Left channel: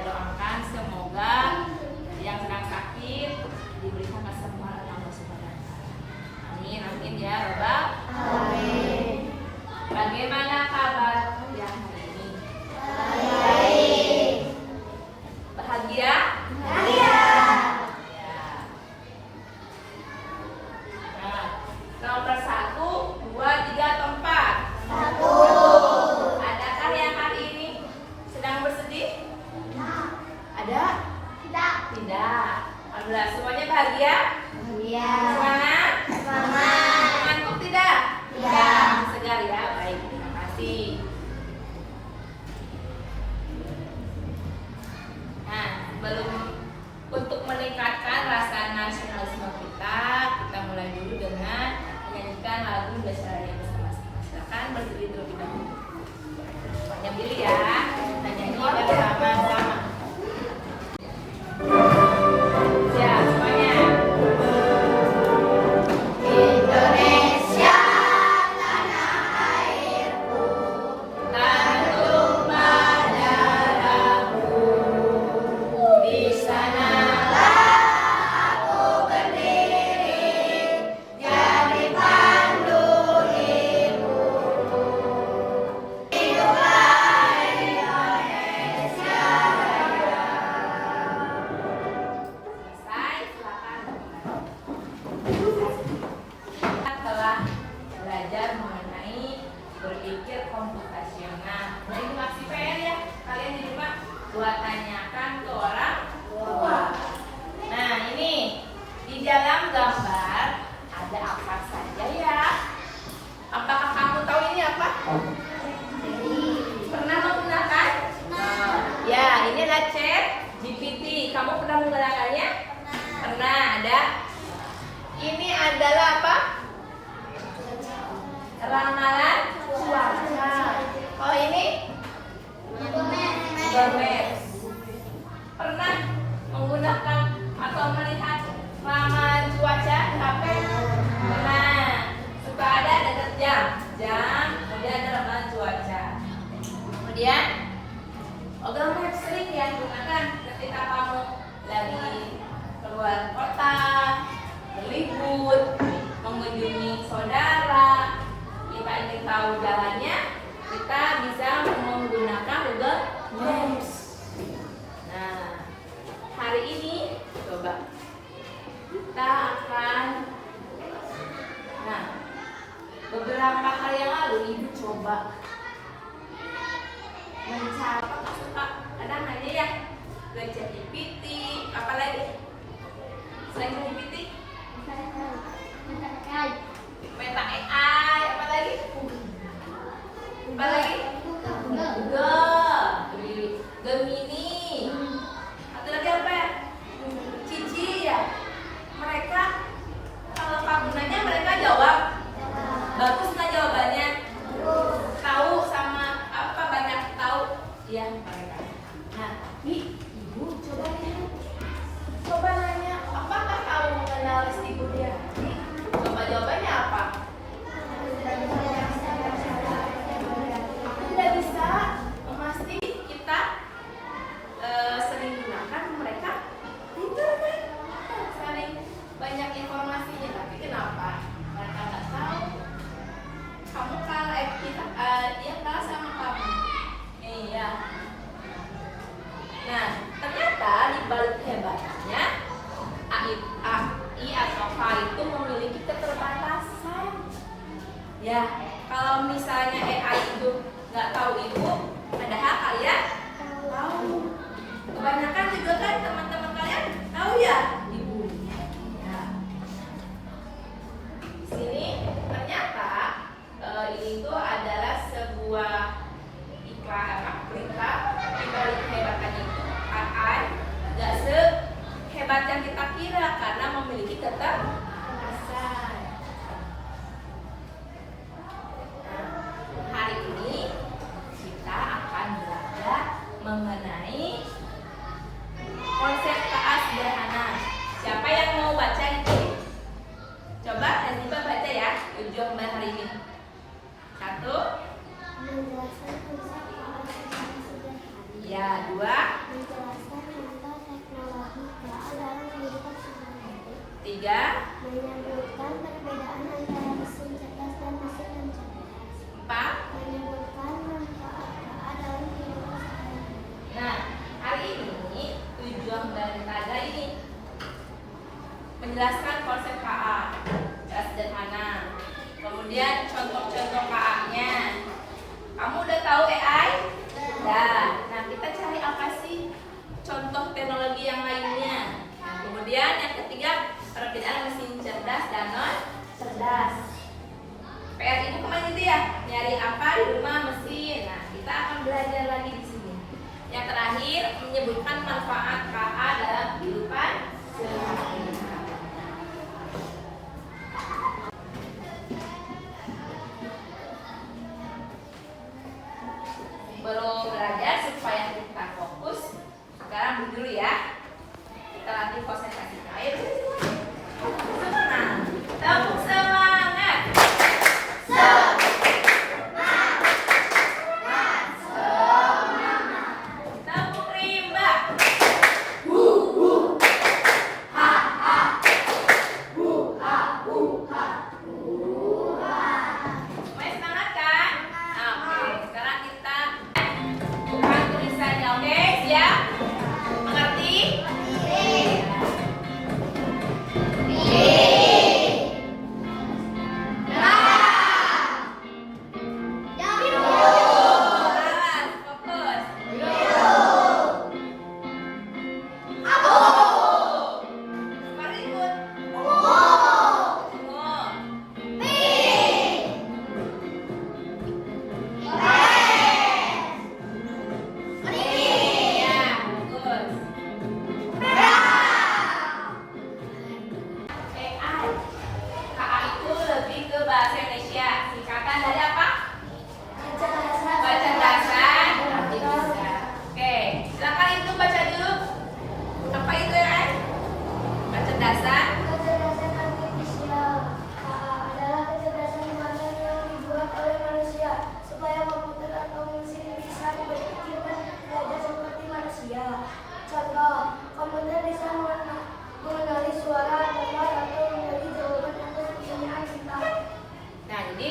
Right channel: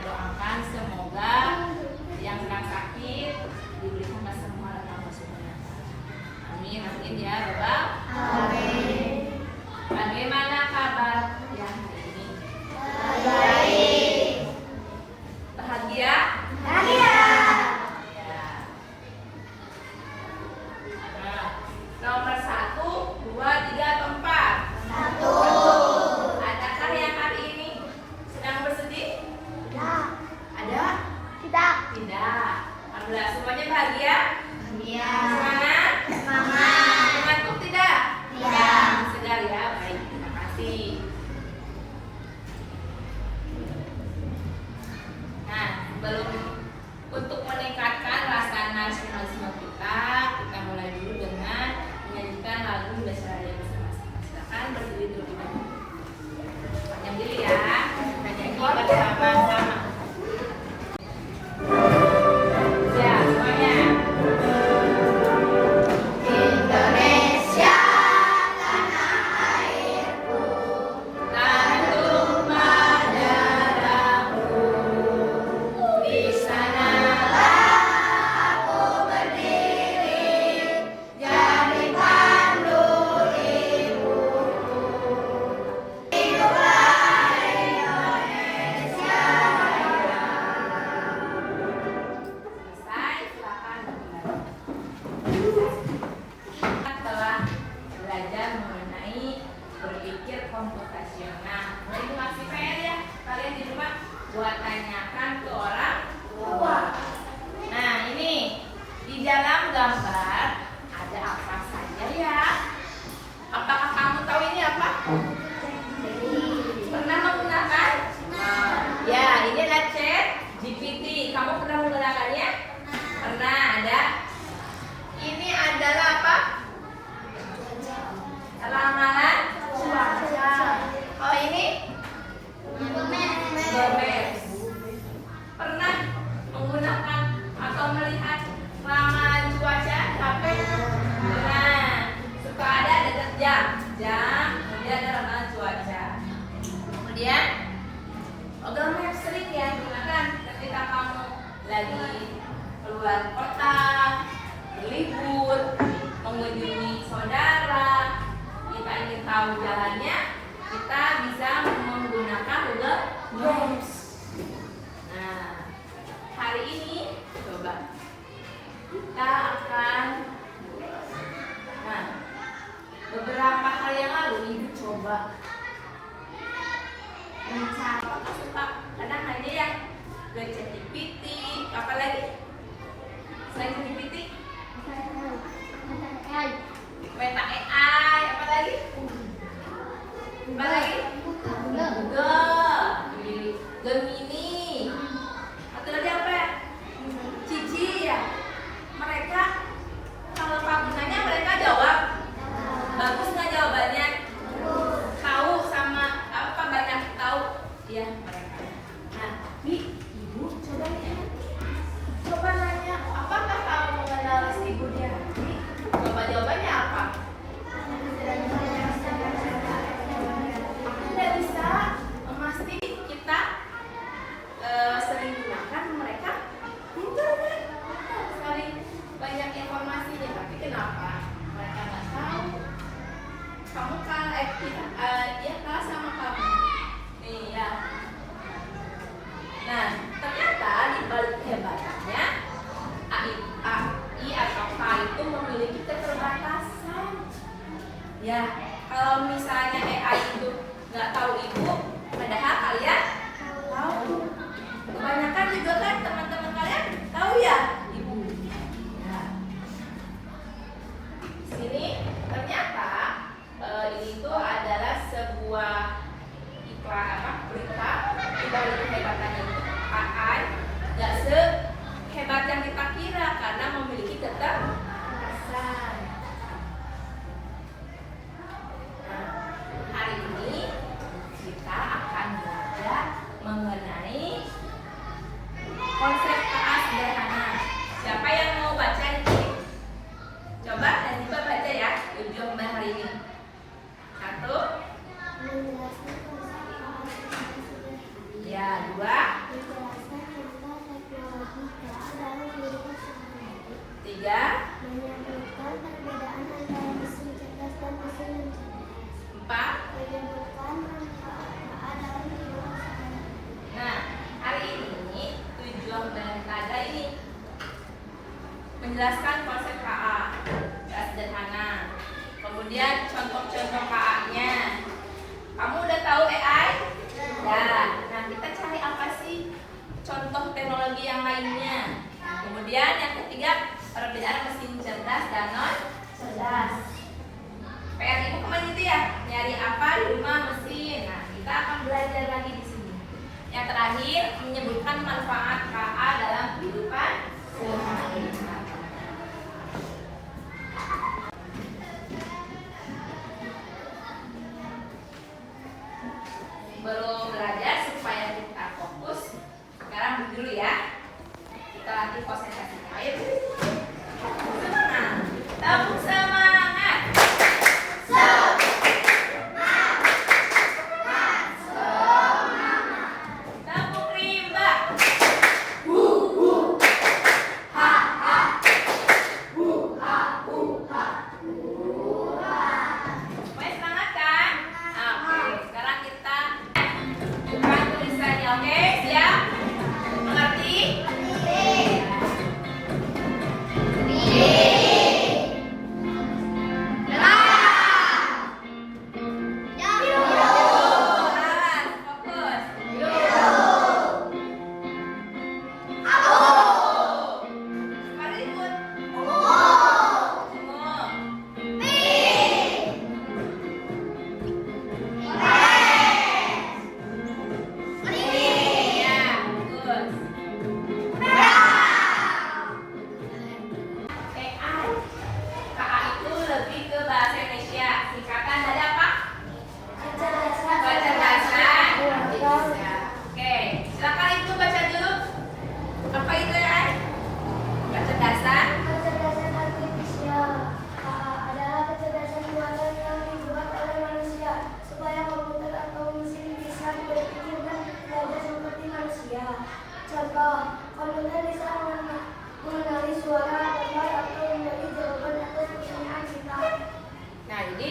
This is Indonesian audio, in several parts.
kita doakan semoga yang sedang sakit diberikan kesembuhan oleh Allah Subhanahu wa Ta'ala. Amin, amin ya Rabbal alamin. Bagaimana kabar yang hari ini? Baik. Bahagia? Bahagia. Ya. Nah, nomor 1, 2, 3 atau 4? 1. Adakah yang hari ini sedang bersedih? Tidak. Ada? Tidak. Tidak. Alhamdulillah, semuanya bahagia? Bahagia. Semangat? Semangat. Mengantuk tidak? Tidak. Segar ya, baik, terima kasih. Nah, sebelum untuk meningkatkan rasa nasionalisme kita mulai dulu dengan menyanyikan lagu Indonesia Raya bersama-sama. Silakan berdiri dulu kita. Yang diri ya, kita nyanyi bersama-sama. Siap semuanya. Indonesia tanah airku, Tanjung Madaraku, di sanalah aku berdiri, jadi pandu ibu. Hiduplah Indonesia. selesai, silakan kita telah belajar mengenai berpikir komputasional. Jadi masih PR ya, kalian di rumah buat tanyakan ke orang tua. Nah ini di dalam gambar ada apa saja ya? Apakah kamu tahu ini apa? Pernah menggunakan? Ya, ini adalah chat GPT. Kamu pernah menggunakannya? Pernah, ada. Ini adalah apa? Ramalan cuaca. Kalau ini? Gomez. Pernah menggunakan atau melihat ramalan cuaca di HP? Pernah. Suka ada jam, kemudian ada ramalan cuaca. Kemudian Google Maps sering ya gunakan ketika kamu lagi keluar kota, berlibur, mengunjungi saudara, kita ingin tahu jalannya, kita bisa menggunakan Google Maps. Nah, hari ini coba kita akan, nah, beberapa hari yang lalu ibu coba mencapai suka kadang hanya yang ke ChatGPT, apa lagi selain ChatGPT, Meta AI, apa lagi Google, Gemini, atau lagi apa ya? Cici ya. Mereka kalau panggunanya mereka jawab bagus nggak jawabannya? Tahu sama apa, banyak tahu ya mereka. Nah, ibu coba lihat, coba nanya apakah kamu mengenal ibu dia? Coba jawabannya apa? Tidak bisa memastikan kita sering gunakan mereka itu kan sering banyak informasinya, tapi kenapa mereka nggak tahu? Kamu kalah, dia kalah sama kamu. Iya. Nah, ternyata di balik hebatnya AI atau AI itu memiliki keterbatasan. Ya, kalau misalnya AI itu nggak tahu ibu, padahal kalian tahu. Kebanyakan juga kan teman-teman kalian tahu ya ibu. Ya. Di sini ternyata itu adalah sebuah berita di balik kehebatannya itu AI nggak sehebat yang kita kira karena memiliki keterbatasan. Nah, hari ini kita akan belajar mengenai konsep KA sederhana. Siapa yang mau baca ini? Coba nanti baca ya tujuan hari ini. 1. Ya, 2. Menunjukkan perbedaan antara mesin cerdas dan mesin yang cerdas. 4. Menyebutkan manfaat dalam kehidupan sehari-hari. Nah, hari ini tujuan dari kada ini menjelaskan konsep KA secara sederhana. Kemudian contoh-contoh KA-nya. Kamu udah tahu AI? Udah. Nah, kita cari apa sih contoh teknologi yang lainnya. Nah, kemudian yang ketiga, perbedaan mesin cerdas dan non cerdas. PR ibu kemana itu ya? Nyari apa di rumah mesin. Nah, kita akan belajar lagi di sini. Yang terakhir, menyebutkan manfaat KA dalam kehidupan sehari-hari. Belum belajar supaya kita fokus. Sekarang dulu ya. Kita latih konsentrasi. Ayo. Semangat. Tepuk semangat. Tepuk rimba. Semuanya semangat kan? Oke, sekarang kita bukan tulisannya. Oke, siap? Mengerti? Alas, fokus. Mari ikut. Semua. Ya, bagus. AI. KA itu lebih ke bahasa Indonesia. Singkatan dari apa? Kecerdasan artifisial. Oke, silakan itu baca dulu. Apa itu ya? Kecerdasan. Kecerdasan artifisial adalah kecerdasan buatan yang dibuat oleh manusia supaya komputer atau mesin bisa berpikir dan belajar seperti manusia. Contoh, komputer bisa mengenali suara, tempat, atau menjadi jawaban atas pertanyaan kita. Nah, jadi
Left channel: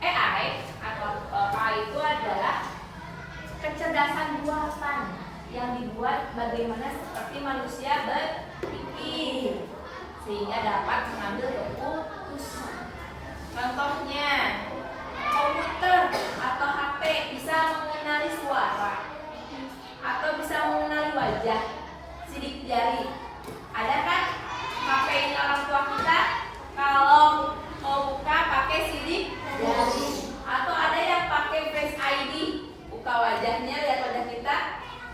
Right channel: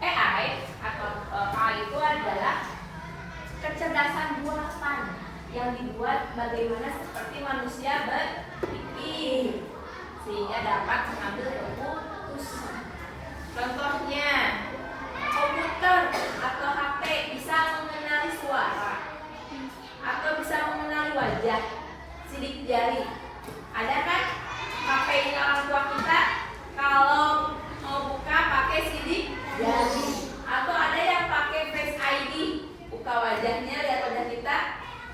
AI atau KA itu adalah kecerdasan buatan yang dibuat bagaimana seperti manusia berpikir sehingga dapat mengambil keputusan. Contohnya, komputer atau HP bisa mengenali suara atau bisa mengenali wajah, sidik jari. Ada kan HP ini orang tua kita kalau mau buka pakai sidik jari, atau ada yang pakai Face ID, buka wajahnya, lihat wajah kita,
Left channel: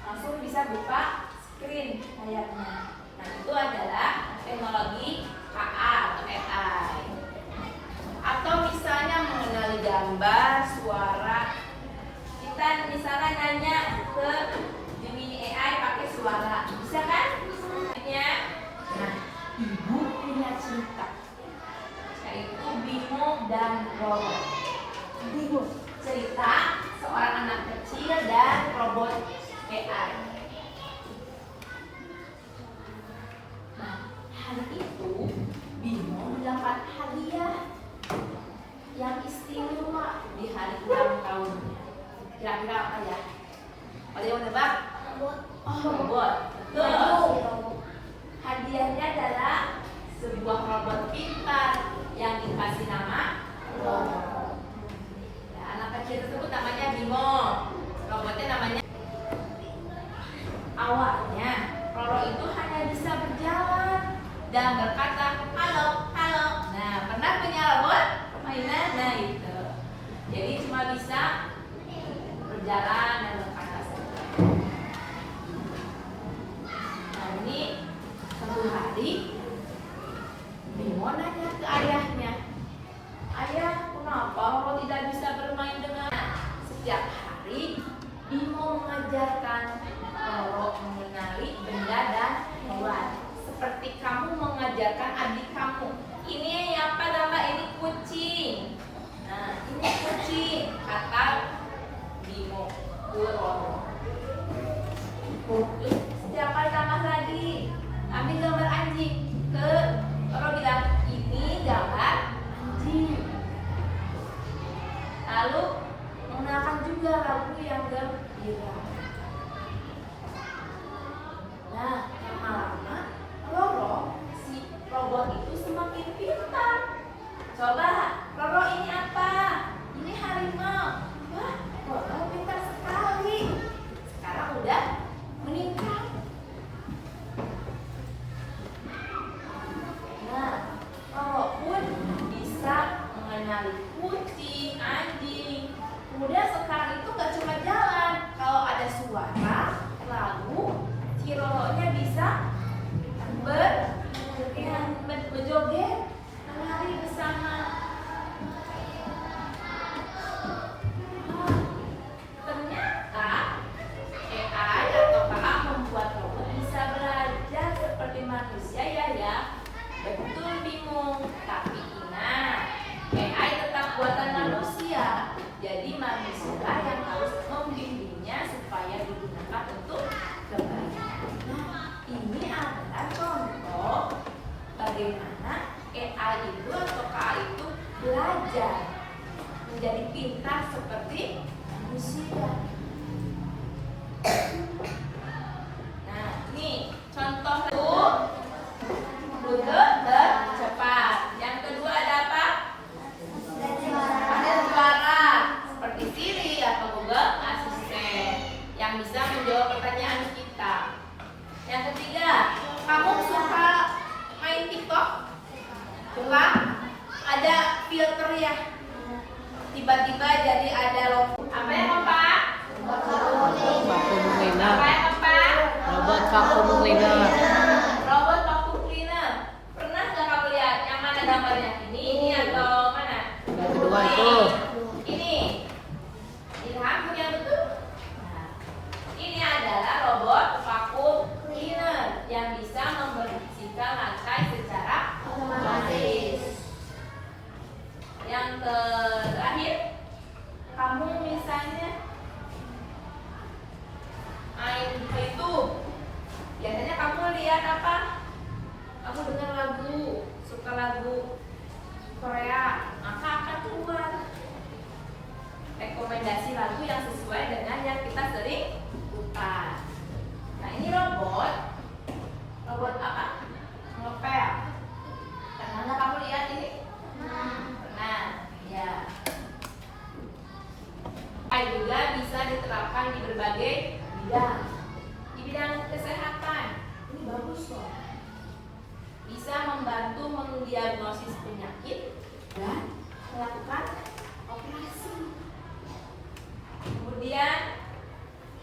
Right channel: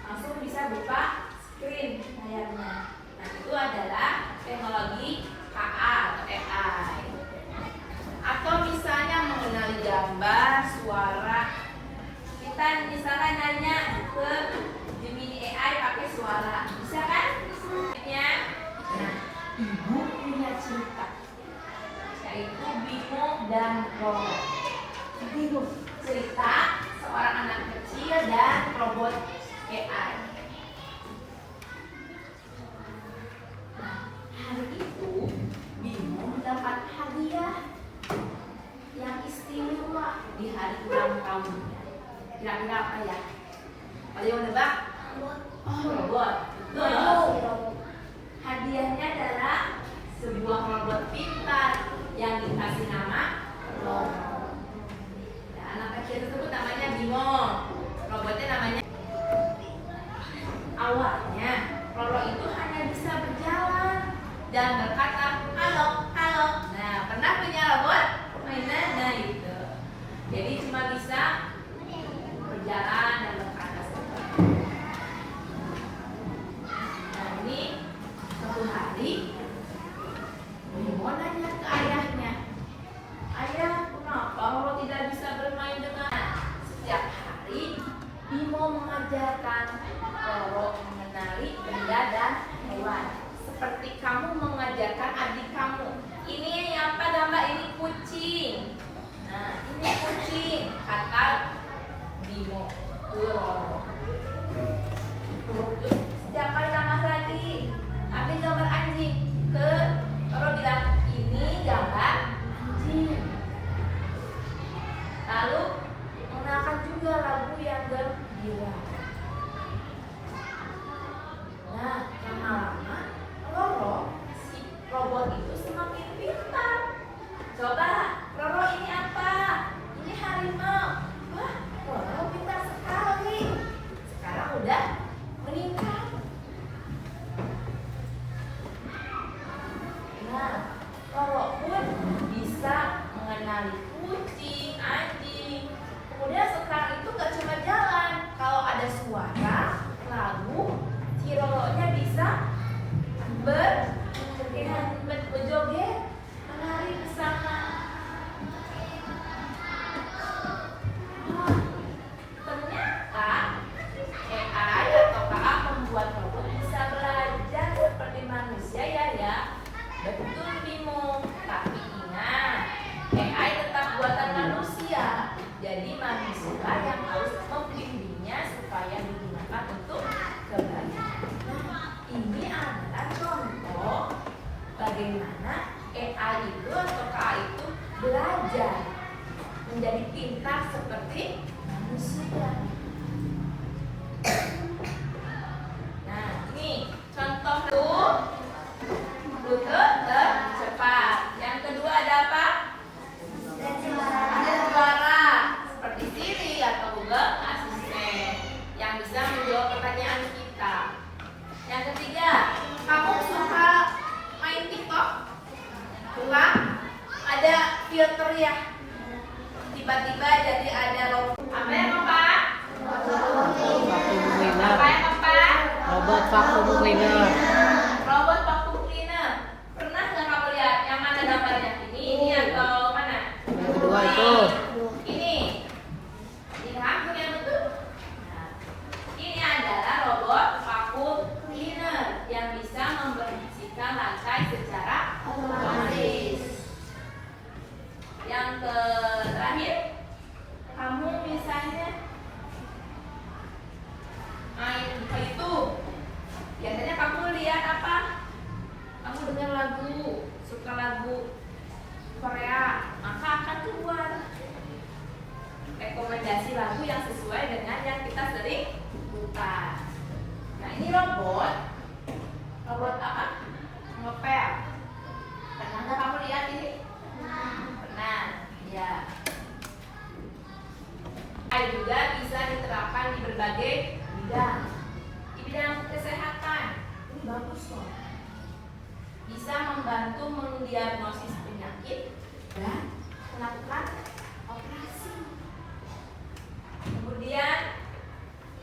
langsung bisa buka screen layarnya. Nah, itu adalah teknologi KA atau AI. Atau misalnya mengenali gambar, suara. Kita misalnya nanya ke Gemini AI pakai suara, bisa kan? Nah, ibu punya cerita, yaitu Bimo dan Roro. Bimo cerita seorang anak kecil dan robot AI. Nah, hari itu Bimo mendapat hadiah yang istimewa di hari ulang tahun. Kira-kira apa ya? Kalian menebak? Oh, robot. Betul. Hadiahnya adalah sebuah robot pintar yang dikasih nama Roro. Ya, anak kecil tersebut namanya Bimo. Robotnya namanya. Awalnya Roro itu hanya bisa berjalan dan berkata halo, halo. Nah, pernah punya robot mainan? Nah, itu. Jadi cuma bisa berjalan dan berkata saja. Nah, ini satu hari Bimo nanya ke ayahnya, ayah, kenapa Roro tidak bisa bermain dengan? Setiap hari Bimo mengajarkan Roro mengenali benda dan hewan, seperti kamu mengajarkan adik kamu. Ini apa gambar? Ini kucing. Nah, ini kucing, kata Bimo ke Roro. Setiap kali tambah lagi, ambil gambar anjing. Ke Roro bilang, ini gambar buat robot bisa belajar seperti manusia ya. Betul Bimo. Tapi ingat, AI tetap buatan manusia. Jadi manusia yang harus membimbingnya supaya digunakan untuk kebaikan. Ini adalah contoh bagaimana AI itu atau KI itu belajar menjadi pintar seperti manusia. Nah, ini contoh rute tercepat. Yang kedua ada apa? Ada suara seperti Siri atau Google Assistant yang bisa menjawab pertanyaan kita. Yang ketiga, kamu suka main TikTok? Suka? Ada filter ya? Tiba-tiba jadi ada logo. Apa ya, Bapak? Vacuum cleaner. Apa ya, Bapak? Robot vacuum cleaner. Robot vacuum cleaner. Pernah nggak kamu lihat? Yang mana gambarnya? Ini atau mana? Yang kedua itu. Ini. Lihat yang betul. Nah, ini adalah robot vacuum cleaner yang bisa membersihkan lantai secara otomatis. Yang terakhir, kamu misalnya main YouTube. Biasanya kamu lihat apa? Kamu dengar lagu, suka lagu Korea, maka akan keluar rekomendasi lagu yang sesuai dengan yang kita sering putar. Nah, ini robot apa? Ngepel. Pernah nggak kamu lihat ini? Pernah, ya. AI juga bisa diterapkan di berbagai bidang. Di bidang kesehatan, ini bagus loh. Bisa membantu mendiagnosis penyakit dan melakukan operasi. Kemudian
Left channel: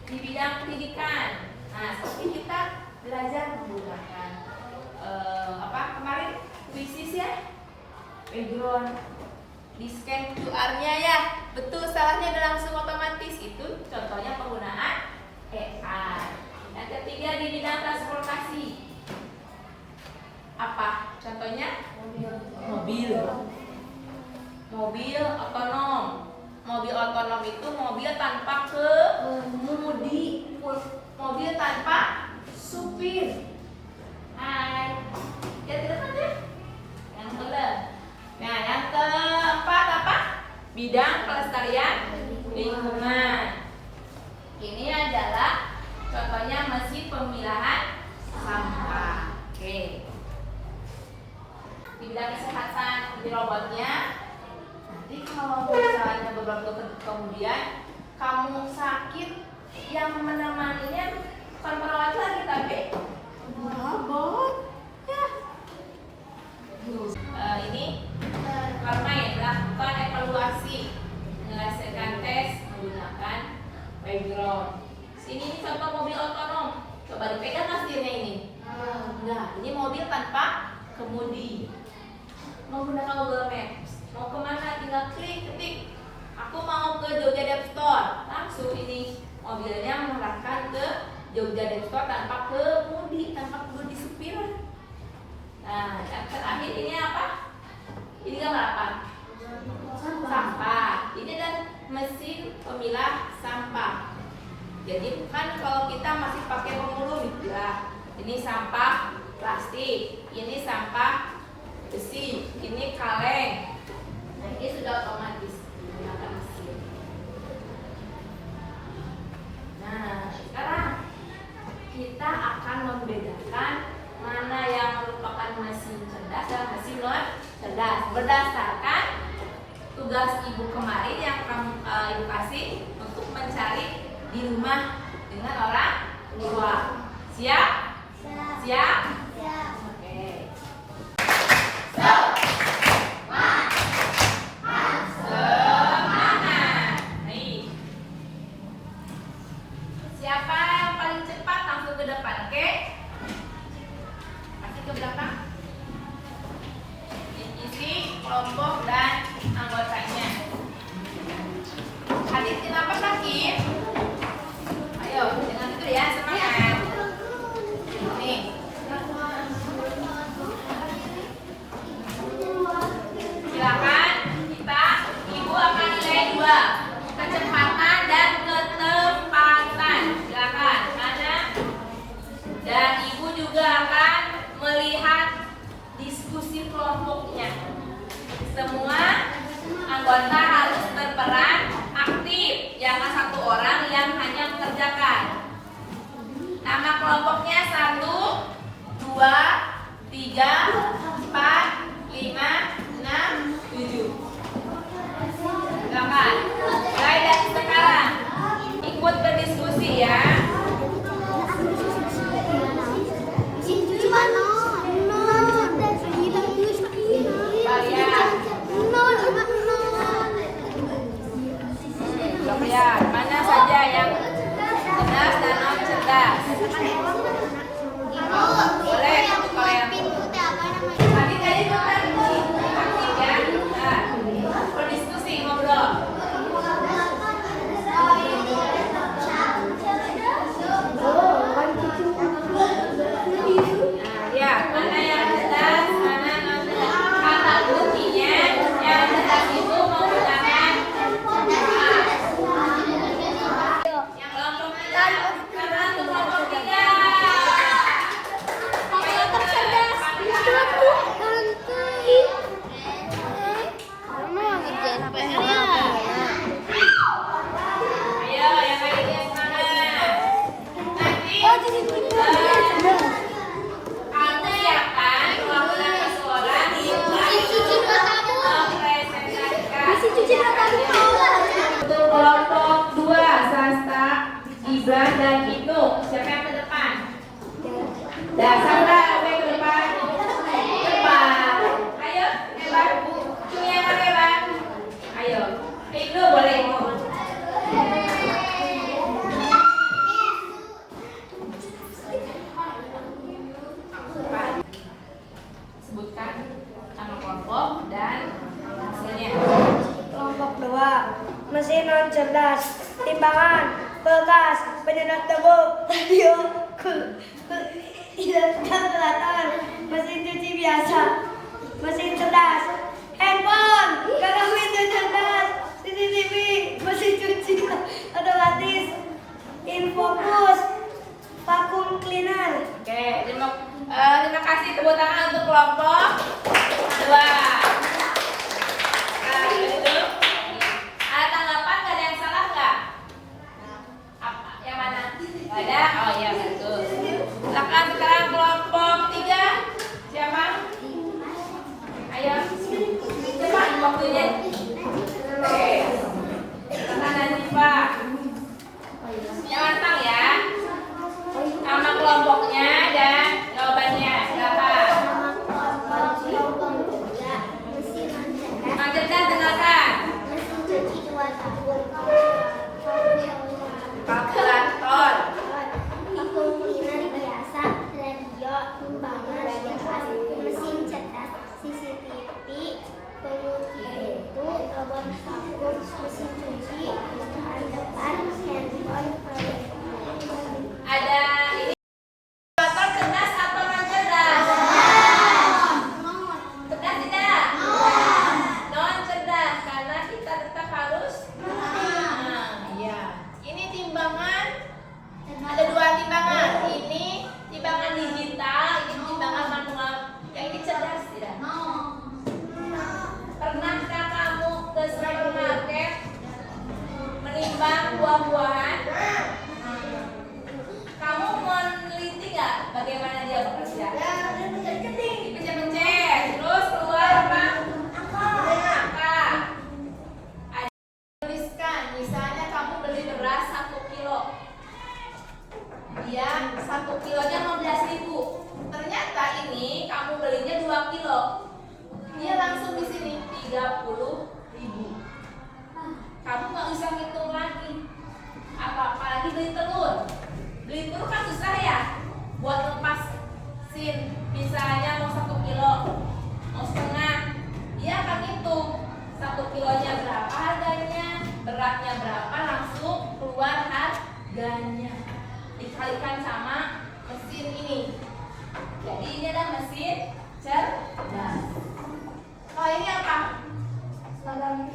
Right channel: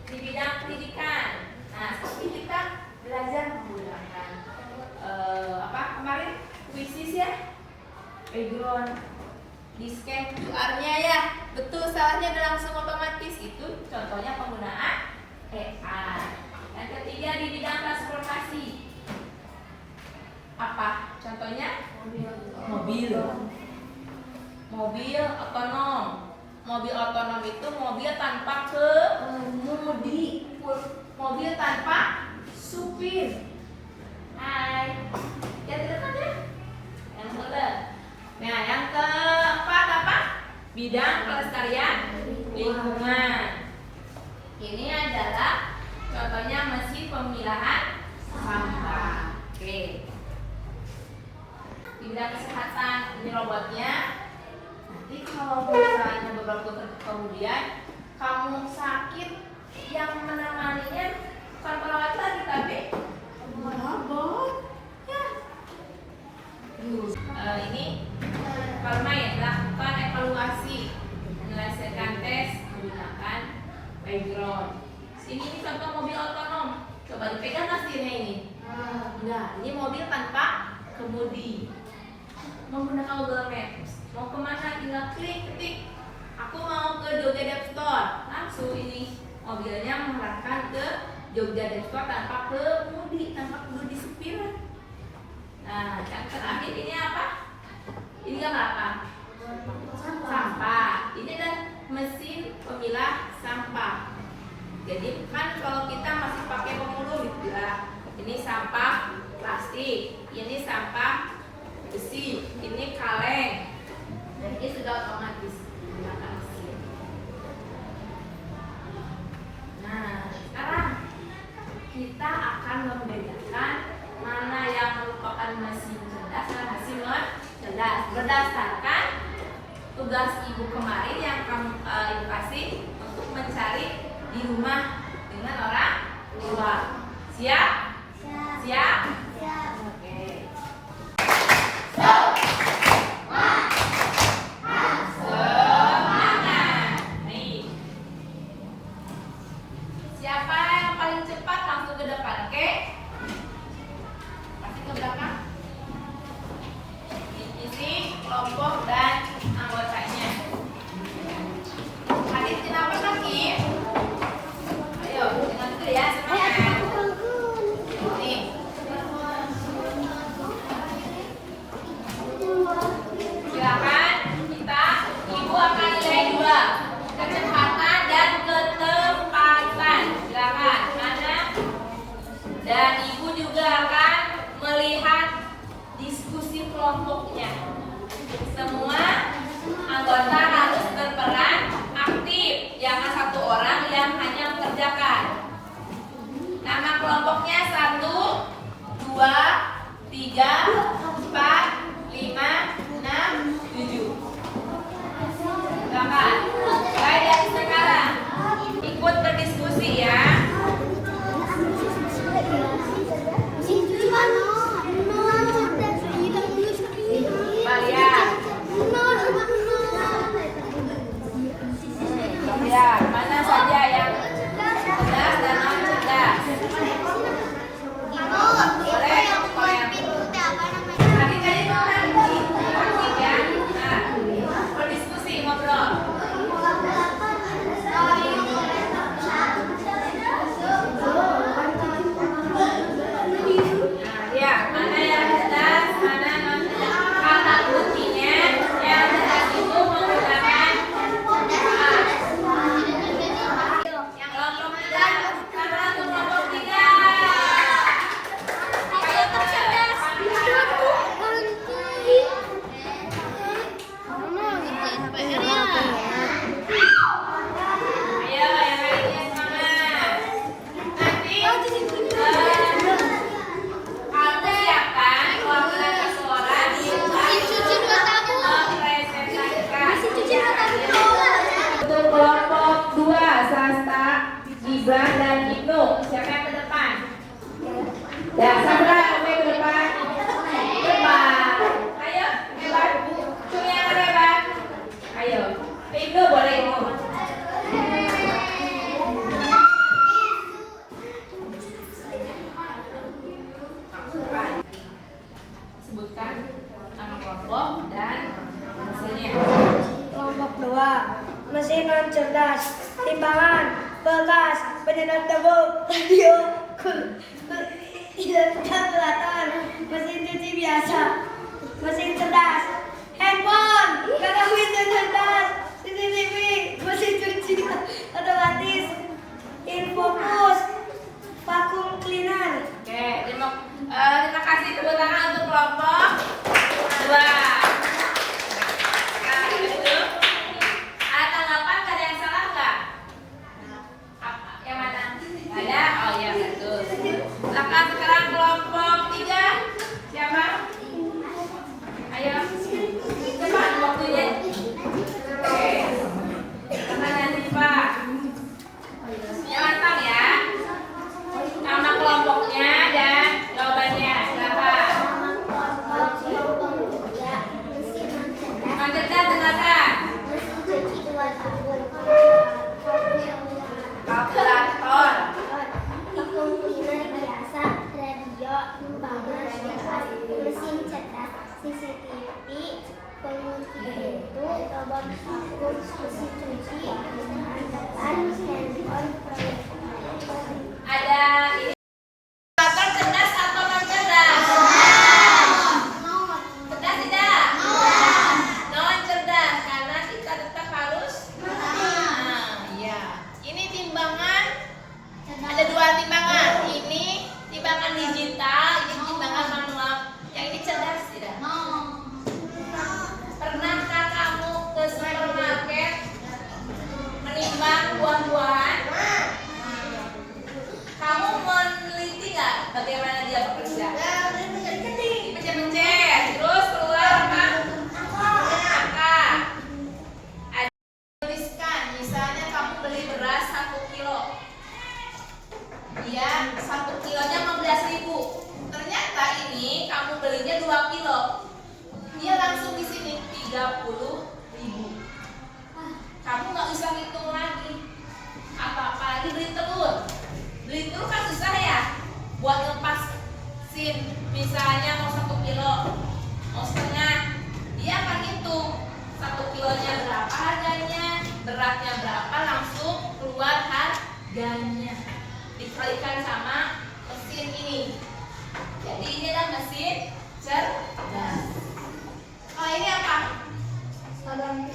di bidang pendidikan, nah seperti kita belajar menggunakan apa kemarin kuisis ya, background, di scan QR-nya ya, betul salahnya dan langsung otomatis. Itu contohnya penggunaan AI. Yang ketiga di bidang transportasi, apa contohnya? Mobil otonom. Mobil otonom itu mobil tanpa kemudi, mobil tanpa supir. Hai, lihat di depan ya. Yang keempat. Nah, yang keempat apa? Bidang pelestarian lingkungan. Ini adalah contohnya mesin pemilahan sampah. Oke. Di bidang kesehatan, ini robotnya. Nanti kalau misalnya beberapa waktu kemudian kamu sakit, yang menemaninya bukan perawat lagi tapi robot. Ya. Ini permain lakukan evaluasi, menyelesaikan tes menggunakan background. Sini contoh mobil otonom. Coba dipegang mesinnya ini. Nah, ini mobil tanpa kemudi. Menggunakan Google Maps. Mau kemana? Tinggal klik ketik. Aku mau ke Jogja Dep Store. Langsung ini mobilnya mengarahkan ke Jogja Dep Store tanpa kemudi, tanpa kemudi supir. Nah, yang terakhir ini apa? Ini kan apa? Sampah. Ini adalah mesin pemilah sampah. Jadi kan kalau kita masih pakai pemulung ya. Ini sampah plastik, ini sampah besi, ini kaleng. Nah, ini sudah otomatis menggunakan mesin. Nah, sekarang kita akan membedakan mana yang merupakan mesin cerdas dan mesin non cerdas berdasarkan tugas ibu kemarin yang kamu ibu kasih untuk mencari di rumah dengan orang tua. Siap? Siap? Oke. Semangat. Nih. Siapa yang paling cepat langsung ke depan, oke? Masih ke belakang. Isi kelompok dan anggotanya. Hadirin apa lagi? Ayo, dengan itu ya, semangat. anggota harus berperan aktif, jangan satu orang yang hanya mengerjakan. Nama kelompoknya 1, 2, 3, 4, 5, 6, 7. Silakan. Mulai dari sekarang ikut berdiskusi ya. Ya, mana saja yang cerdas dan non cerdas. Boleh kalau yang tadi aktif ya. Nah, berdiskusi ngobrol. Nah, ya, mana yang cerdas, mana non cerdas. Kata kuncinya yang cerdas itu menggunakan kelompok 2, Sasta, Gibran, dan Ibnu. Siapa yang ke depan? Ya, Sandra, kamu yang ke depan. Depan. Ayo, hebat. Cumi yang hebat. Ayo. Ibnu boleh ngomong. Sebutkan nama kelompok dan hasilnya. Kelompok 2, mesin non cerdas, timbangan, kulkas, penyedot debu, radio, kalkulator, mesin cuci biasa, mesin cerdas, handphone, kadang mesin cerdas, CCTV, mesin cuci otomatis, infocus, vacuum cleaner. Oke, terima kasih, tepuk tangan untuk kelompok 2. Ada tanggapan, gak ada yang salah nggak? Yang mana? Ada? Oh iya betul. Silakan sekarang kelompok 3. Siapa? Ayo, cepat waktunya. Oke, tangan Hanifa. Yang matang ya. Nama kelompoknya dan jawabannya. Silakan. Cerdas dengarkan. Kalkulator. Vacuum cleaner biasa, radio, timbangan, kulkas, mesin cerdas, CCTV, pengunci pintu, robot vakum, mesin cuci, bukaan depan, handphone, proyektor. Ada ini. Kalkulator cerdas atau non cerdas? Cerdas tidak? Non cerdas karena kita tetap harus. Iya. Ini timbangan. Ada 2 timbangan. Ini timbangan digital, ini timbangan manual. Yang ini cerdas tidak? Pernahkah kamu ke supermarket menimbang buah-buahan? Kamu meneliti nggak bagaimana dia bekerja? Dipencet-pencet, terus keluar apa? Angka. Tuliskan, misalnya kamu beli beras 1 kilo. Dia 1 kilonya 15.000. Ternyata ini kamu belinya 2 kilo. Dia langsung di sini 30.000. Kamu nggak usah ngitung lagi. Apalagi beli telur. Beli telur kan susah ya. Buat lepasin, misalnya mau 1 kilo, mau setengah, dia akan hitung 1 kilonya berapa harganya, beratnya berapa, langsung keluar harganya. Dikalikan sama mesin ini. Jadi ini adalah mesin cerdas. Kalau ini apa? Pagang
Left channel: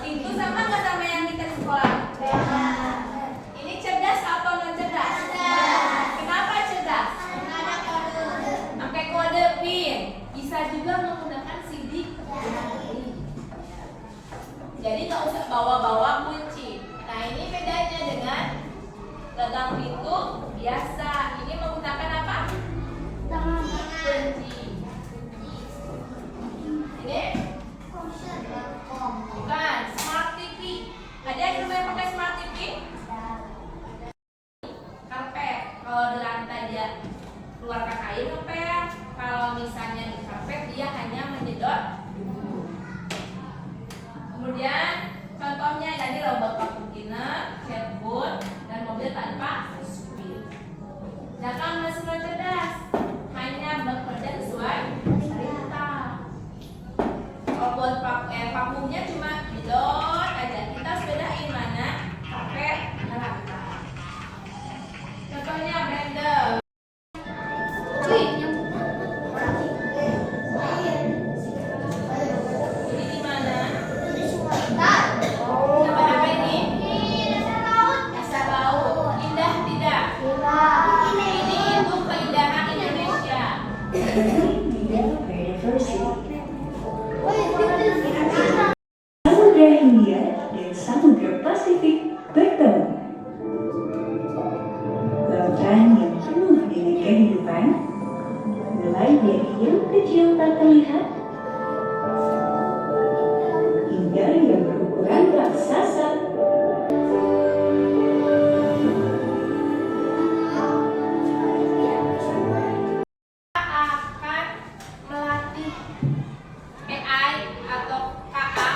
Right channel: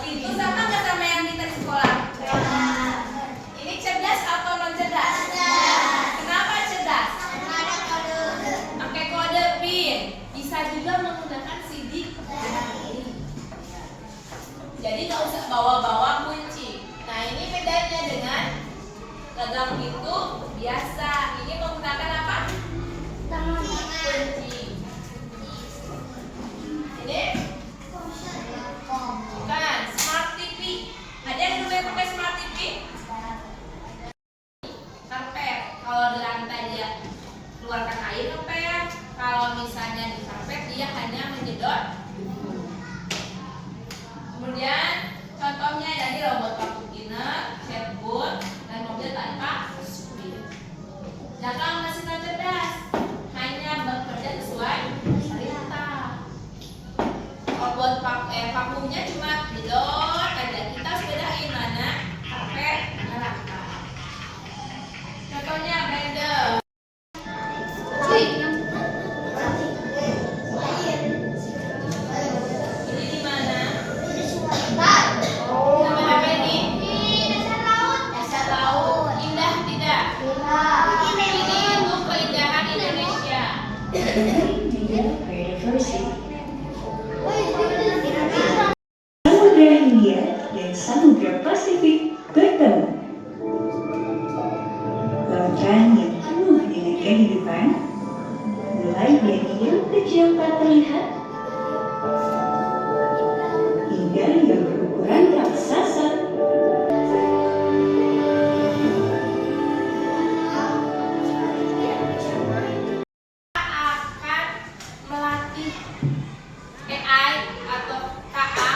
pintu sama nggak sama yang kita di sekolah? Ini cerdas atau non cerdas? Kenapa cerdas? Pakai kode PIN. Bisa juga menggunakan sidik jari. dia keluarkan air ngepel. Kalau misalnya dipepet dia hanya menyedot. Kemudian contohnya dari robot vacuum cleaner, chatbot, dan mobil tanpa supir. Dalam mesin non cerdas hanya bekerja sesuai perintah. Robot vakumnya cuma jedot aja. Kita harus bedain mana pakai neraka. Contohnya blender. Ini di mana? Nama apa ini? Dasar laut. Indah tidak? Ini untuk keindahan Indonesia. Samudra Hindia dan Samudra Pasifik bertemu. Lautan yang penuh dengan kehidupan, mulai dari yang kecil tak terlihat, hingga yang berukuran raksasa. Akan melatih AI atau KA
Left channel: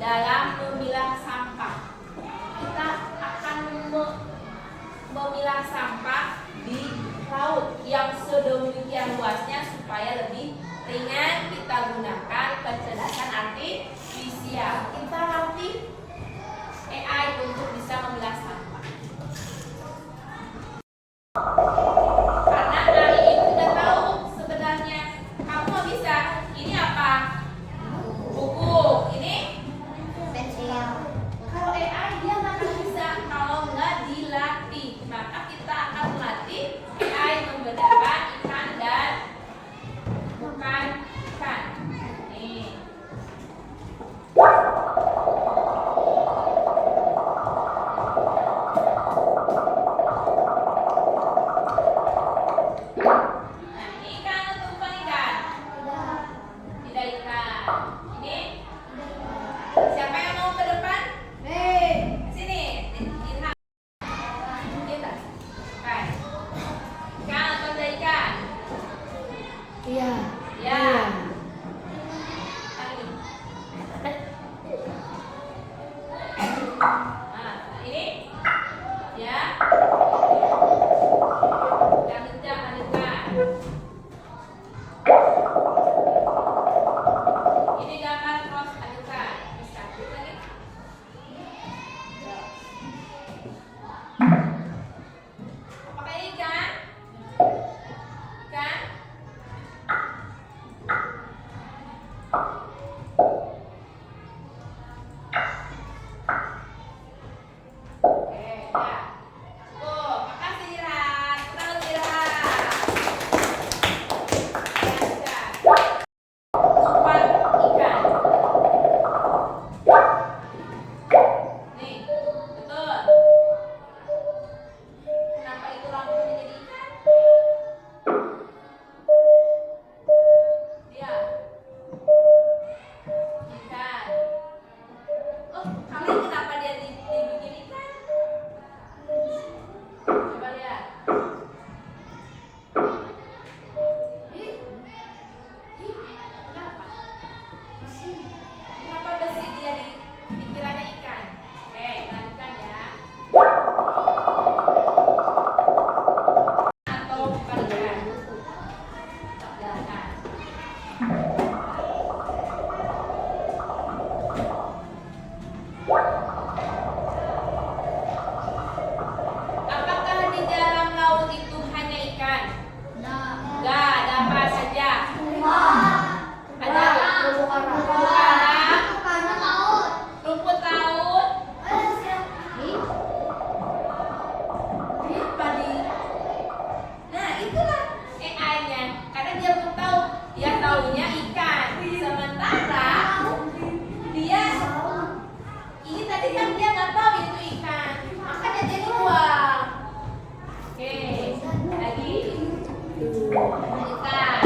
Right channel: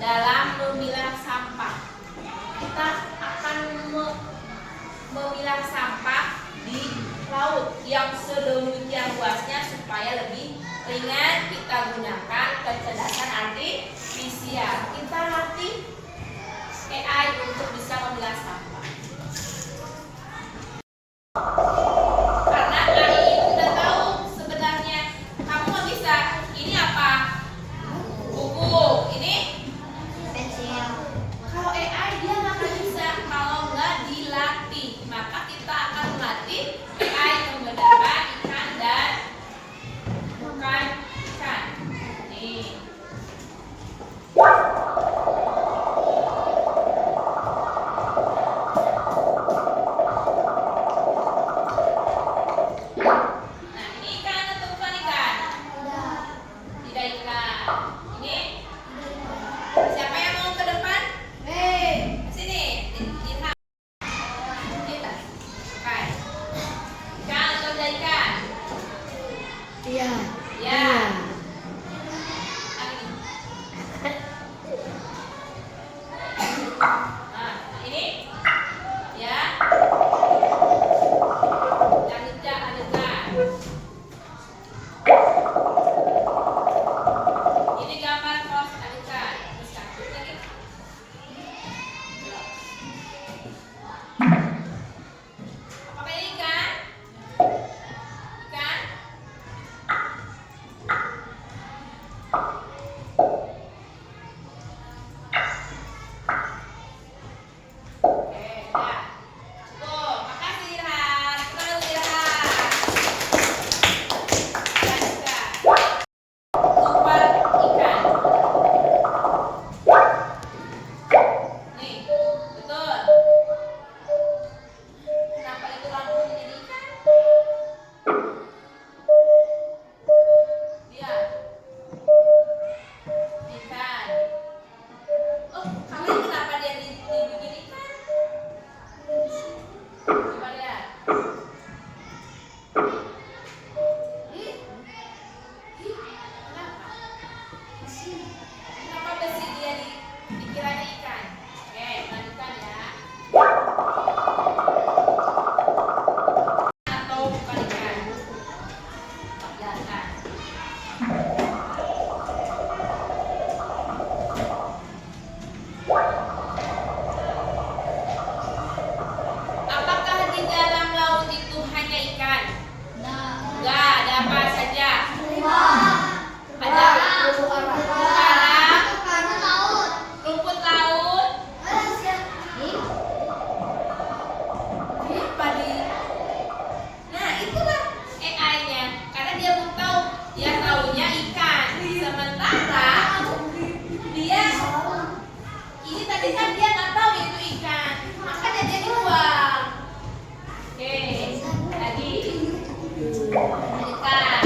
dalam memilah sampah. Kita akan memilah sampah di laut yang sedemikian luasnya supaya lebih ringan. Kita gunakan kecerdasan artifisial. Kita latih AI untuk bisa memilah sampah. Karena AI itu udah tahu sebenarnya kamu nggak bisa. Ini apa? Buku. Ini kalau AI dia nggak akan bisa kalau nggak dilatih. Maka kita akan melatih AI membedakan ikan dan bukan ikan. Nih. Nah, ini ikan atau bukan ikan? Tidak ikan. Ini siapa yang mau ke depan? Sini. Lihat. Lihat. Ikan. Ikan atau tidak ikan? Ya. Yang ini. Nah, ini. Ya. Lanjutkan, lanjutkan. Ini gambar pos, lanjutkan. Teruskan. Lagi. Apakah ini ikan? Ikan? Oke, ya. Cukup. Makasih Irhan. Kita dulu Irhan. Lanjutkan. Umpan ikan. Nih, betul. Kenapa itu lampunya jadi ikan? Lihat. Ikan. Oh, kalian kenapa dia dibikin ikan? Coba lihat. Kenapa besi dia dikiranya ikan? Oke, lanjutkan ya. Atau bukan ikan? Jelaskan. Apakah di dalam laut itu hanya ikan? Enggak, ada apa saja? Ada karang, rumput laut, padi. Nah, itulah AI-nya. Karena dia belum tahu, dia tahunya ikan. Sementara dia ini tadi kan dia nggak tahu itu ikan, makanya dia dibuang. Oke, lagi. Lanjutkan.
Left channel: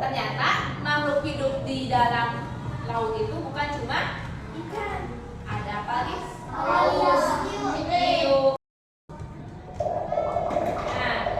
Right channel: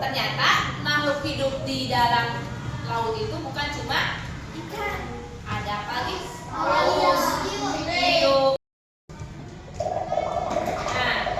Ternyata makhluk hidup di dalam laut itu bukan cuma ikan. Ada apa lagi? Hiu. Nah,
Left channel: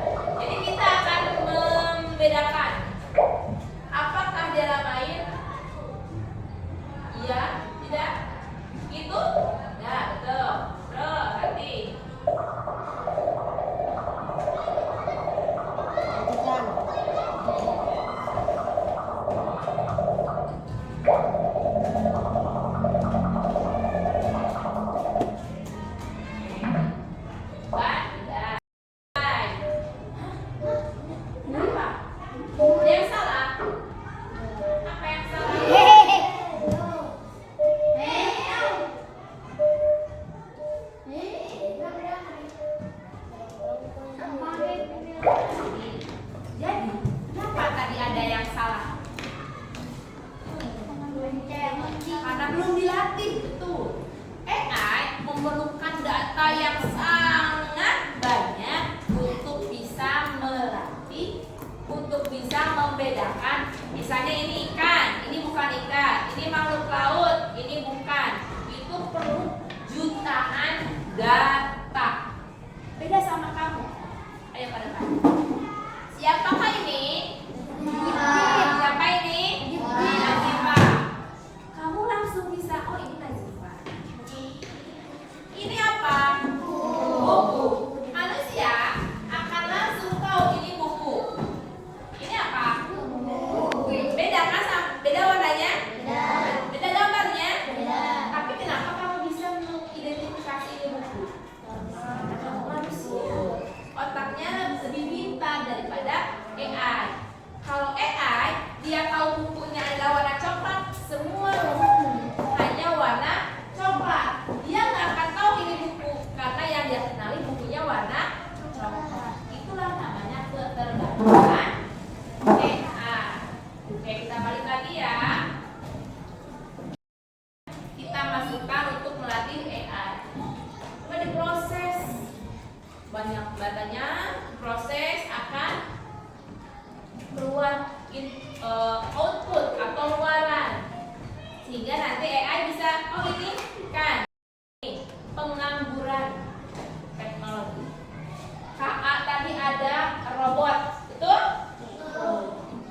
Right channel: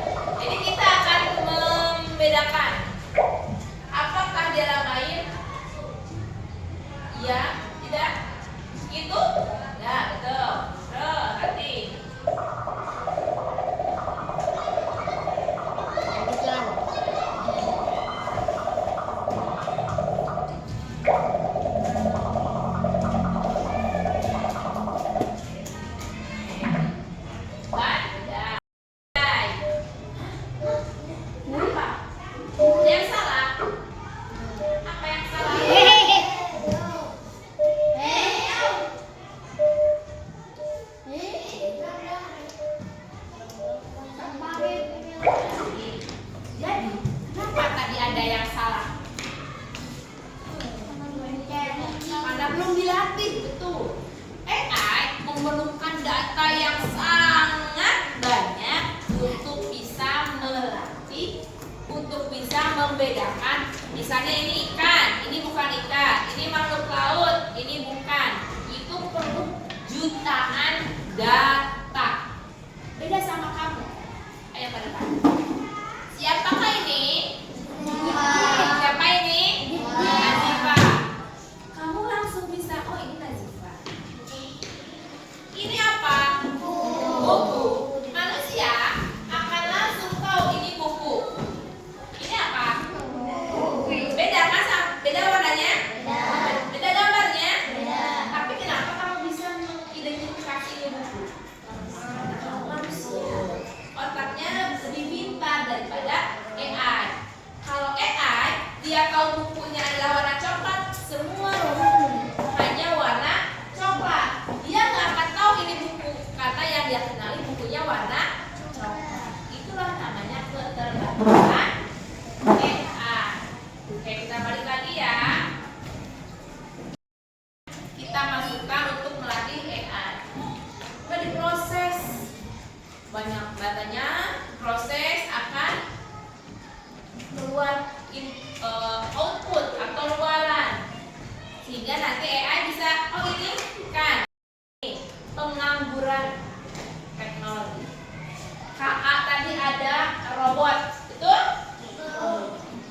melatih untuk bisa membedakan. Misalnya ini ikan, ini bukan ikan, ini makhluk laut, ini bukan. Itu perlu jutaan data. Beda sama kamu. Ayo pada depan. Siapakah ini? Siapa ini? Nazifa. Kamu langsung bisa, oh ini Nazifa. Ini apa? Buku. Manusia akan langsung tahu ini buku. Ini apa? Beda kan? Beda warnanya? Beda gambarnya? Tapi kenapa kamu bisa mengidentifikasi ini buku? Manusia otaknya lebih pintar daripada AI. Kalau AI, dia tahu bukunya adalah warna coklat, semua buku hanya warna coklat. Dia nggak akan tahu ini buku karena yang dia kenali bukunya warna coklat. Itulah namanya ketergantungan AI. Oke, kita balik lagi ya. Kita masukkan untuk melatih AI. Udah diproses. Banyak datanya, proses akan keluar output atau luaran, sehingga nanti AI bisa, oh ini kan pengangguran teknologi. KA tadi ada robot, betul?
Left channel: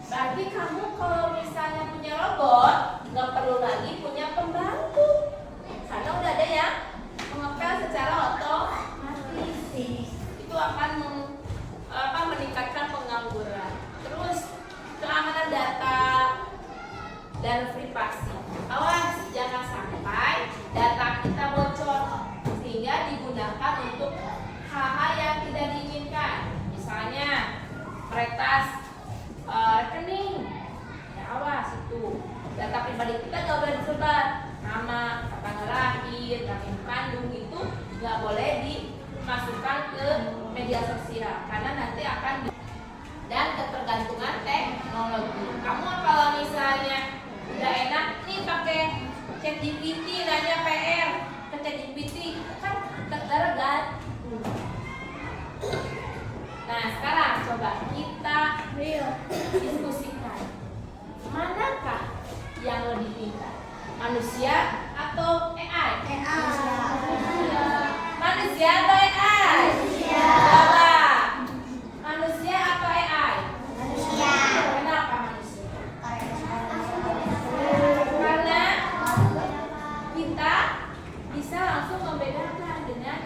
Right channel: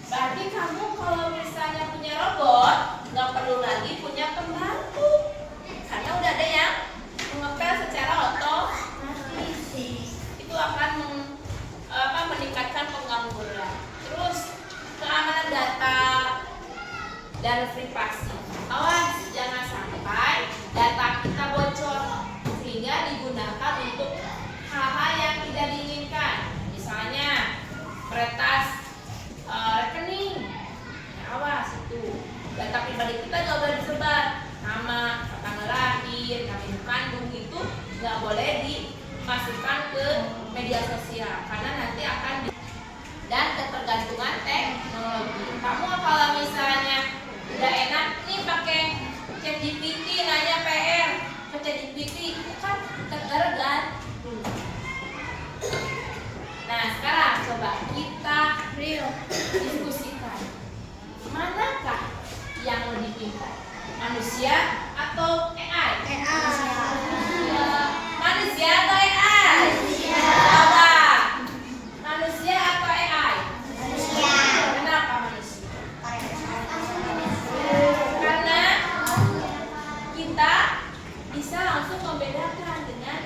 Berarti kamu kalau misalnya punya robot nggak perlu lagi punya pembantu, karena udah ada yang mengepel secara otomatis. Itu akan meningkatkan pengangguran. Terus keamanan data dan privasi. Awas jangan sampai data kita bocor sehingga digunakan untuk hal-hal yang tidak diinginkan. Misalnya peretas rekening. Ya, awas itu. Data pribadi kita nggak boleh disebar. Nama, tanggal lahir, nama ibu kandung itu nggak boleh dimasukkan ke media sosial karena nanti akan dan ketergantungan teknologi. Kamu kalau misalnya udah enak nih pakai ChatGPT nanya PR ke ChatGPT kan tergantung. Nah sekarang coba kita diskusikan manakah yang lebih pintar, manusia atau AI? Manusia atau AI? Coba. Manusia atau AI? Kenapa manusia? Karena kita bisa langsung membedakan dengan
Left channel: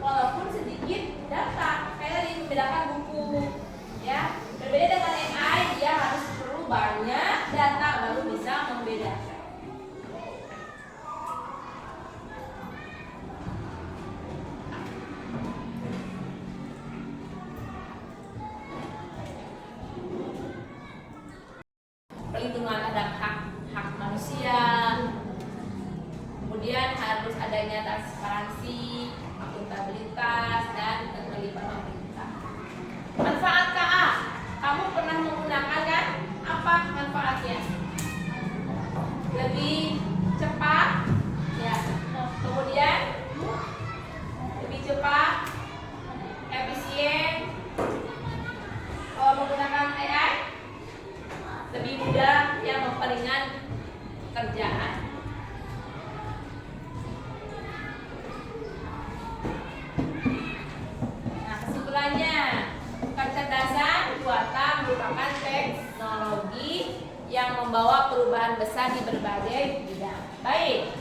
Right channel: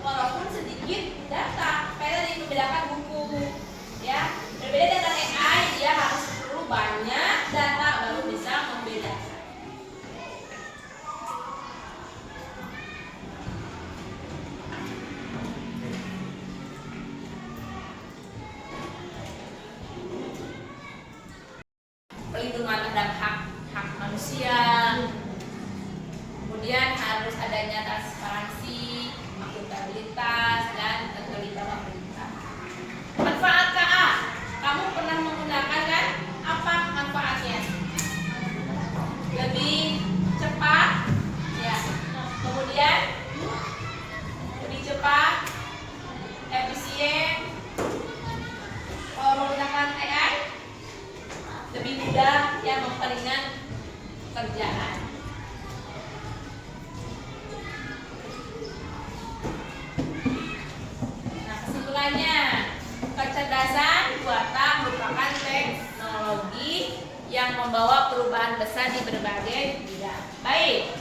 walaupun sedikit data. Kayak tadi membedakan buku, ya. Berbeda dengan AI, dia harus perlu banyak data baru bisa membedakan. Perlindungan terhadap hak manusia, kemudian harus adanya transparansi, akuntabilitas, dan keterlibatan pemerintah. Manfaat KA, kamu pernah menggunakan kan? Apa manfaatnya? Lebih cepat, ya. Kemudian lebih cepat, efisien. Kalau menggunakan AI lebih mudah yang memperingan kerjaan. Nah kesimpulannya, kecerdasan buatan merupakan teknologi yang membawa perubahan besar di berbagai bidang. Baik,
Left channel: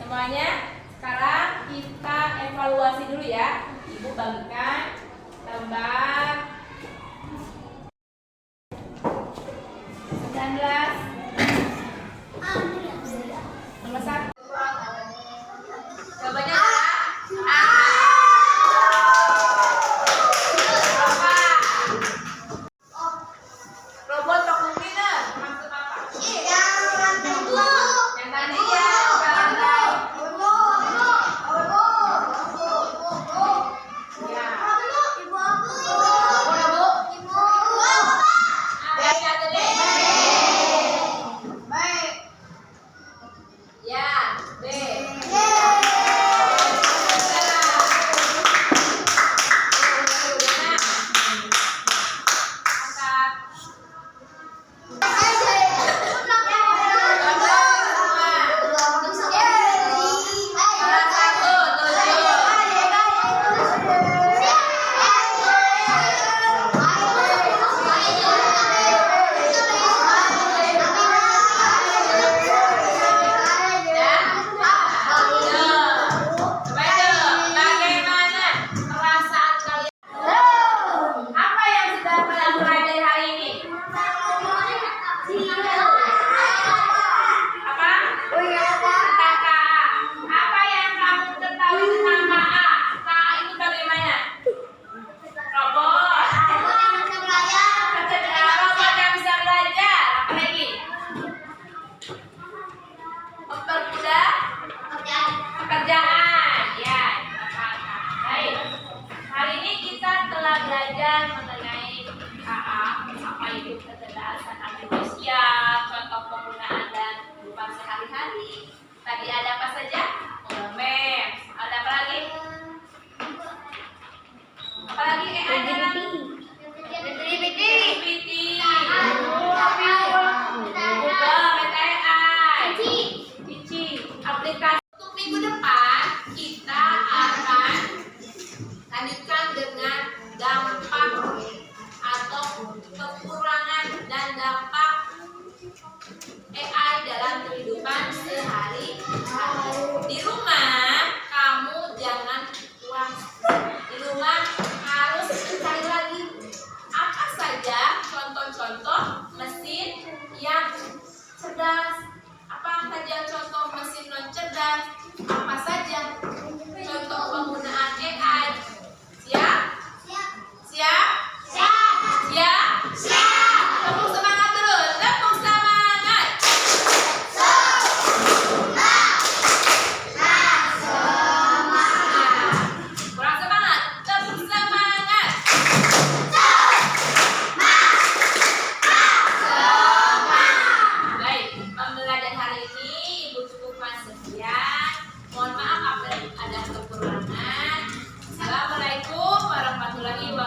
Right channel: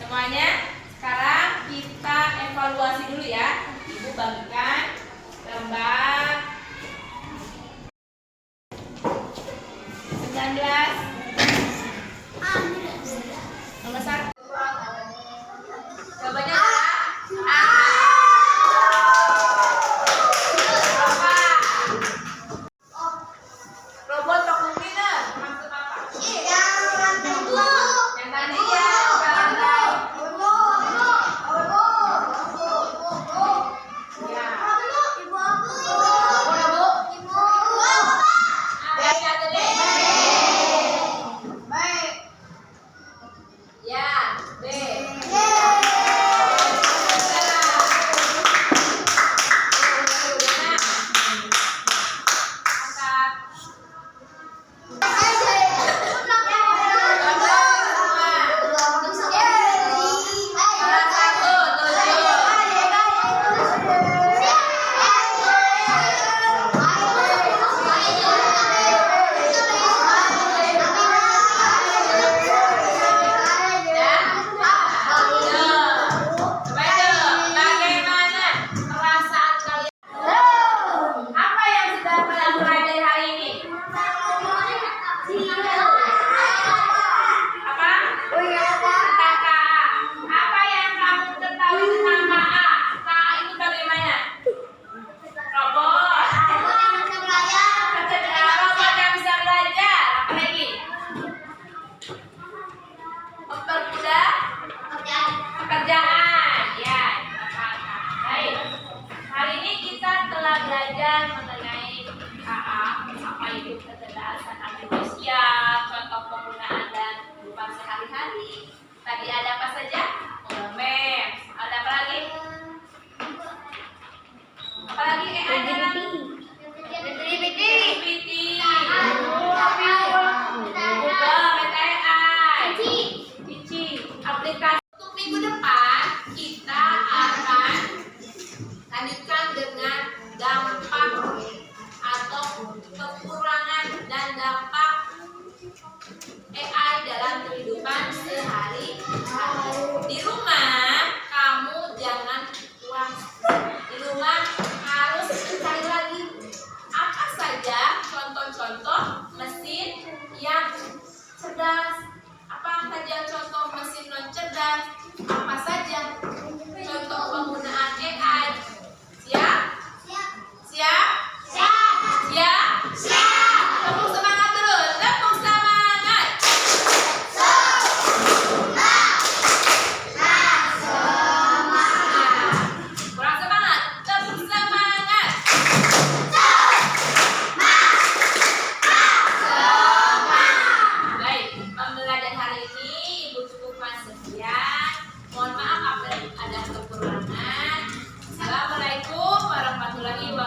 semuanya sekarang kita evaluasi dulu ya. Ibu bagikan gambar 19 nomor 1. Jawabannya adalah A. Apa? Robot vacuum cleaner maksud apa? Yang tadi ya, lantai. Ya. Ibu. Ada yang tadi. belajar mengenai AA, apa itu kecerdasan artifisial, contoh penggunaan dan kehidupan sehari-hari. Tadi ada apa saja? Maps. Ada apa lagi? Apa lagi? Ada GPT. GPT. Google, PTI. Cici. Aplikasi. Untuk minggu depan kita akan lanjutkan dengan dampak atau kekurangan dan dampak AI dalam kehidupan sehari-hari. Di rumah kamu jangan puas. Di rumah harus mencari lagi apa saja contoh-contoh mesin yang cerdas, apa saja contoh mesin non cerdas, apa saja contoh penggunaan AI. Siap? Siap? Siap? Tepuk semangat terus. Tepuk semangat. Kurang semangat. Tepuk semangat. Baik, pembelajaran hari ini Ibu cukupkan sekian. Mohon maaf apabila ada kekurangan. Assalamualaikum warahmatullahi wabarakatuh.